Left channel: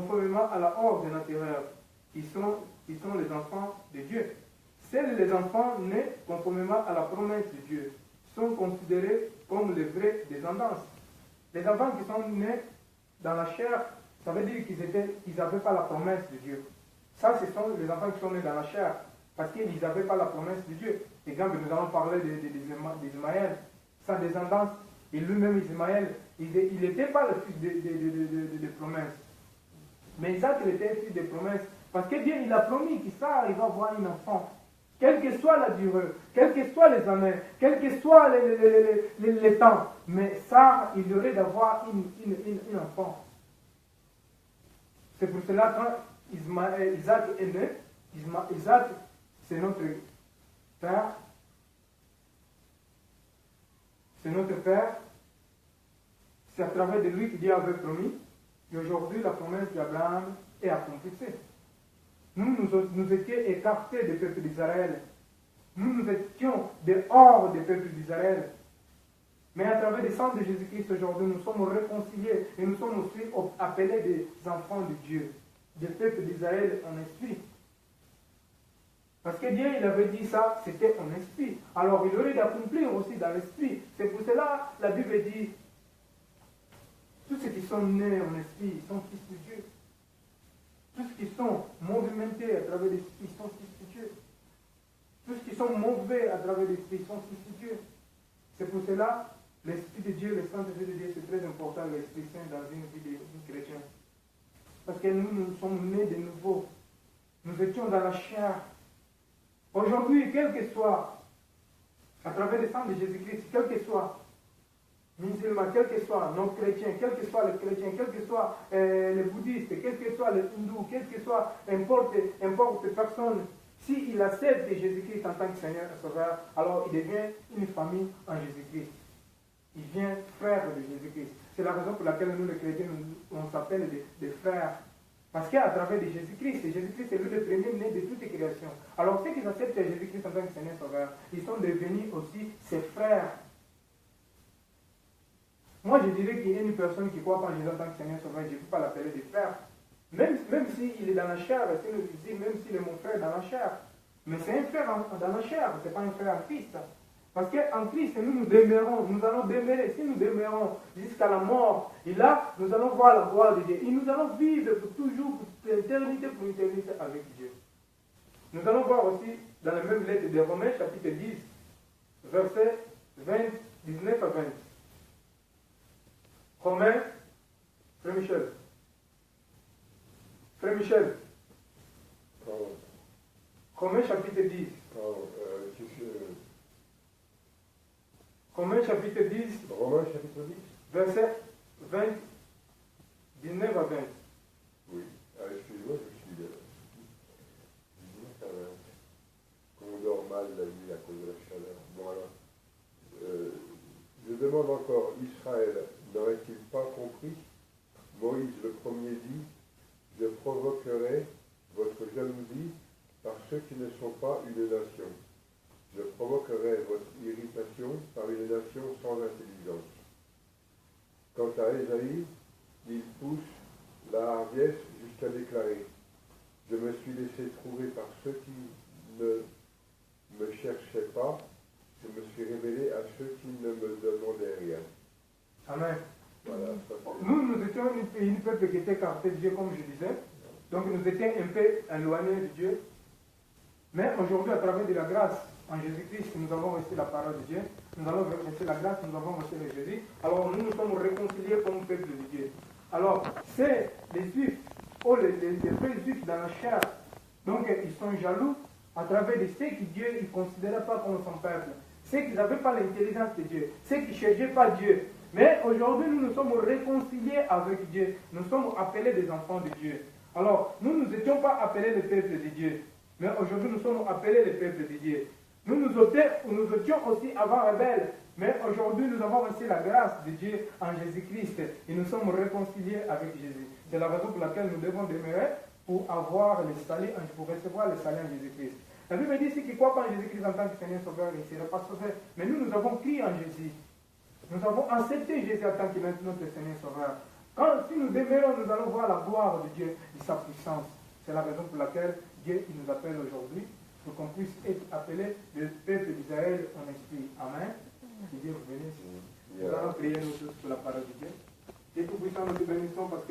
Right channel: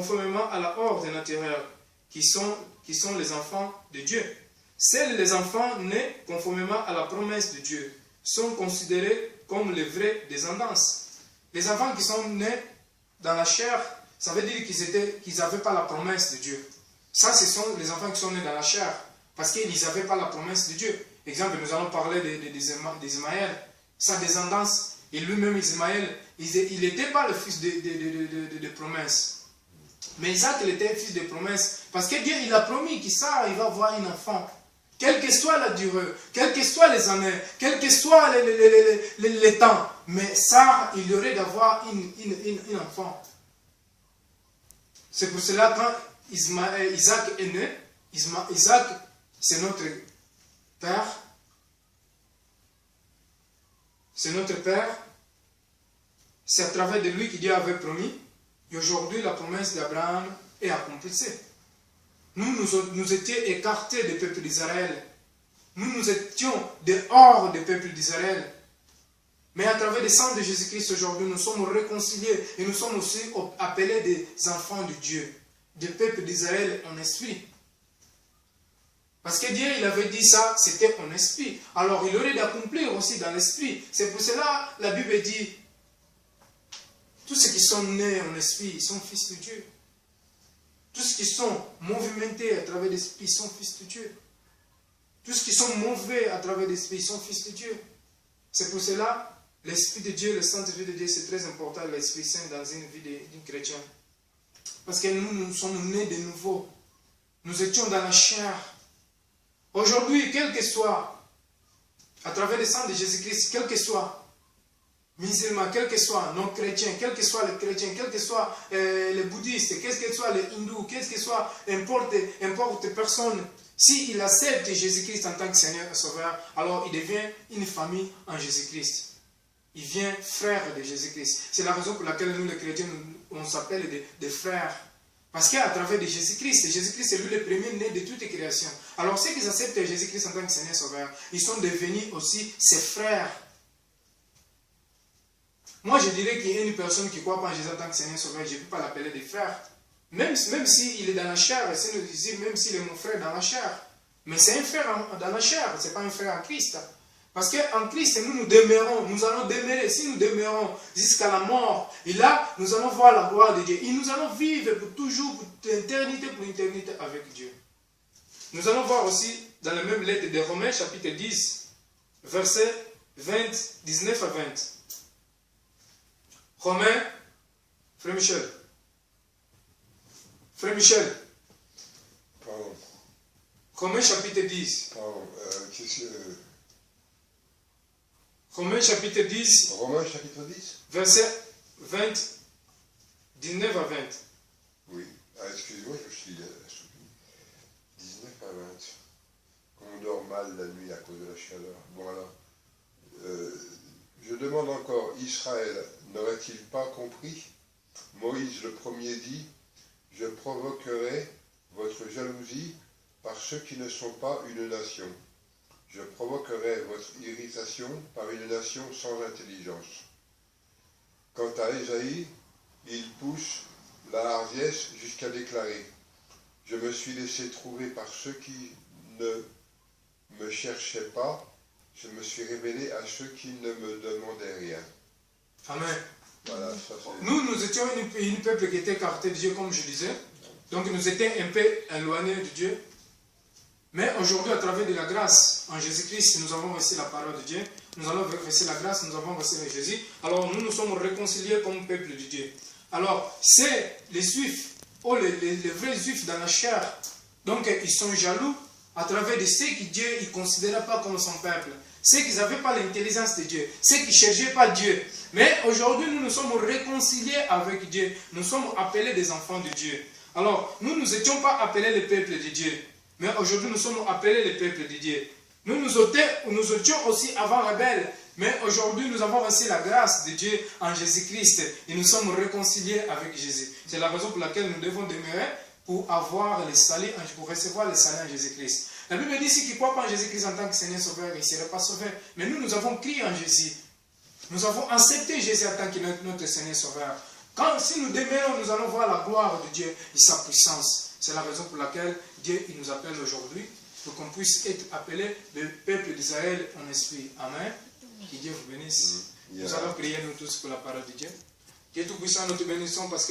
conformément à l'ordre naturel, qui sont les enfants de Dieu. Seuls les enfants nés conformément à la promesse de Dieu sont considérés comme les vrais descendants. Les enfants qui sont nés dans la chair, ça veut dire qu'ils n'avaient pas la promesse de Dieu. Ça, ce sont les enfants qui sont nés dans la chair, parce qu'ils n'avaient pas la promesse de Dieu. Exemple, nous allons parler d'Ismaël, sa descendance, et lui-même Ismaël, il n'était pas le fils de promesse. Mais Isaac, il était fils de promesse, parce que Dieu, il a promis qu'il va avoir un enfant. Quelle que soit la durée, quelles que soient les années, quels que soient les temps, mais ça, il y aurait d'avoir un enfant. C'est pour cela, quand Isaac est né, Isaac, c'est notre père. C'est notre père. C'est à travers de lui que Dieu avait promis. Et aujourd'hui, la promesse d'Abraham est accomplissée. Nous étions écartés du peuple d'Israël. Nous étions dehors du peuple d'Israël. Mais à travers le sang de Jésus-Christ aujourd'hui, nous sommes réconciliés et nous sommes aussi appelés des enfants de Dieu, du peuple d'Israël en esprit. Parce que Dieu, il avait dit ça, c'était en esprit. Alors il aurait d'accomplir aussi dans l'esprit. C'est pour cela la Bible dit, tous ceux qui sont nés en esprit, ils sont fils de Dieu. Tous ceux qui sont movimentés à travers l'esprit, ils sont fils de Dieu. Tous ceux qui sont mauvais à travers l'esprit, ils sont fils de Dieu. C'est pour cela, l'Esprit de Dieu, le Saint-Esprit de Dieu, c'est très important, l'Esprit Saint dans une vie d'un chrétien. Parce que nous sommes nés de nouveau. Nous étions dans la chair. Aujourd'hui, quel que soit, à travers le sang de Jésus-Christ, quel que soit, musulmans, quel que soit non-chrétiens, quels que soient les chrétiens, quels que soient les bouddhistes, quels que soient les hindous, quels que soient n'importe personne, s'il accepte Jésus-Christ en tant que Seigneur et Sauveur, alors il devient une famille en Jésus-Christ. Il devient frère de Jésus-Christ. C'est la raison pour laquelle nous les chrétiens, on s'appelle des frères. Parce qu'à travers de Jésus-Christ, Jésus-Christ c'est lui le premier né de toute création. Alors ceux qui acceptent Jésus-Christ en tant que Seigneur et Sauveur, ils sont devenus aussi ses frères. Moi, je dirais qu'il y a une personne qui ne croit pas en Jésus en tant que Seigneur Sauveur, je ne peux pas l'appeler des frères. Même s'il est dans la chair, même s'il est mon frère dans la chair. Mais c'est un frère dans la chair, ce n'est pas un frère en Christ. Parce qu'en Christ, nous demeurons, nous allons demeurer, si nous demeurons jusqu'à la mort, et là, nous allons voir la gloire de Dieu. Et nous allons vivre pour toujours, pour l'éternité avec Dieu. Nous allons voir aussi dans la même lettre de Romains, chapitre 10, versets 19 à 20. Romains, Frère Michel. Frère Michel. Romains chapitre 10. Romains chapitre 10. Romains chapitre 10. Verset 19 à 20. Oui. Excusez-moi, je suis 19 à 20. On dort mal la nuit à cause de la chaleur. Voilà. Je demande encore, Israël n'aurait-il pas compris? Moïse le premier dit, je provoquerai votre jalousie par ceux qui ne sont pas une nation. Je provoquerai votre irritation par une nation sans intelligence. Quant à Ésaïe, il pousse la hardiesse jusqu'à déclarer, je me suis laissé trouver par ceux qui ne me cherchaient pas, je me suis révélé à ceux qui ne me demandaient rien. Amen. Voilà, nous étions un peuple qui était écarté de Dieu, comme je disais. Donc nous étions un peu éloignés de Dieu. Mais aujourd'hui, à travers de la grâce, en Jésus-Christ, nous avons reçu la parole de Dieu. Nous avons reçu la grâce, nous avons reçu Jésus. Alors nous nous sommes réconciliés comme peuple de Dieu. Alors, c'est les Juifs, ou les vrais Juifs dans la chair. Donc ils sont jaloux à travers de ceux que Dieu ne considérait pas comme son peuple. Ceux qui n'avaient pas l'intelligence de Dieu. Ceux qui ne cherchaient pas Dieu. Mais aujourd'hui, nous nous sommes réconciliés avec Dieu. Nous sommes appelés des enfants de Dieu. Alors, nous n'étions pas appelés le peuple de Dieu. Mais aujourd'hui, nous sommes appelés le peuple de Dieu. Nous étions aussi avant rebelles. Mais aujourd'hui, nous avons reçu la grâce de Dieu en Jésus-Christ. Et nous sommes réconciliés avec Jésus. C'est la raison pour laquelle nous devons demeurer pour avoir le salut, pour recevoir le salut en Jésus-Christ. La Bible dit, si qui ne croit pas en Jésus-Christ en tant que Seigneur Sauveur, il ne sera pas sauvé. Mais nous avons crié en Jésus. Nous avons accepté Jésus en tant que notre Seigneur Sauveur. Si nous demeurons, nous allons voir la gloire de Dieu et sa puissance. C'est la raison pour laquelle Dieu il nous appelle aujourd'hui, pour qu'on puisse être appelé le peuple d'Israël en esprit. Amen. Que Dieu vous bénisse. Nous allons prier nous tous pour la parole de Dieu. Que tout puissant nous te bénissons parce que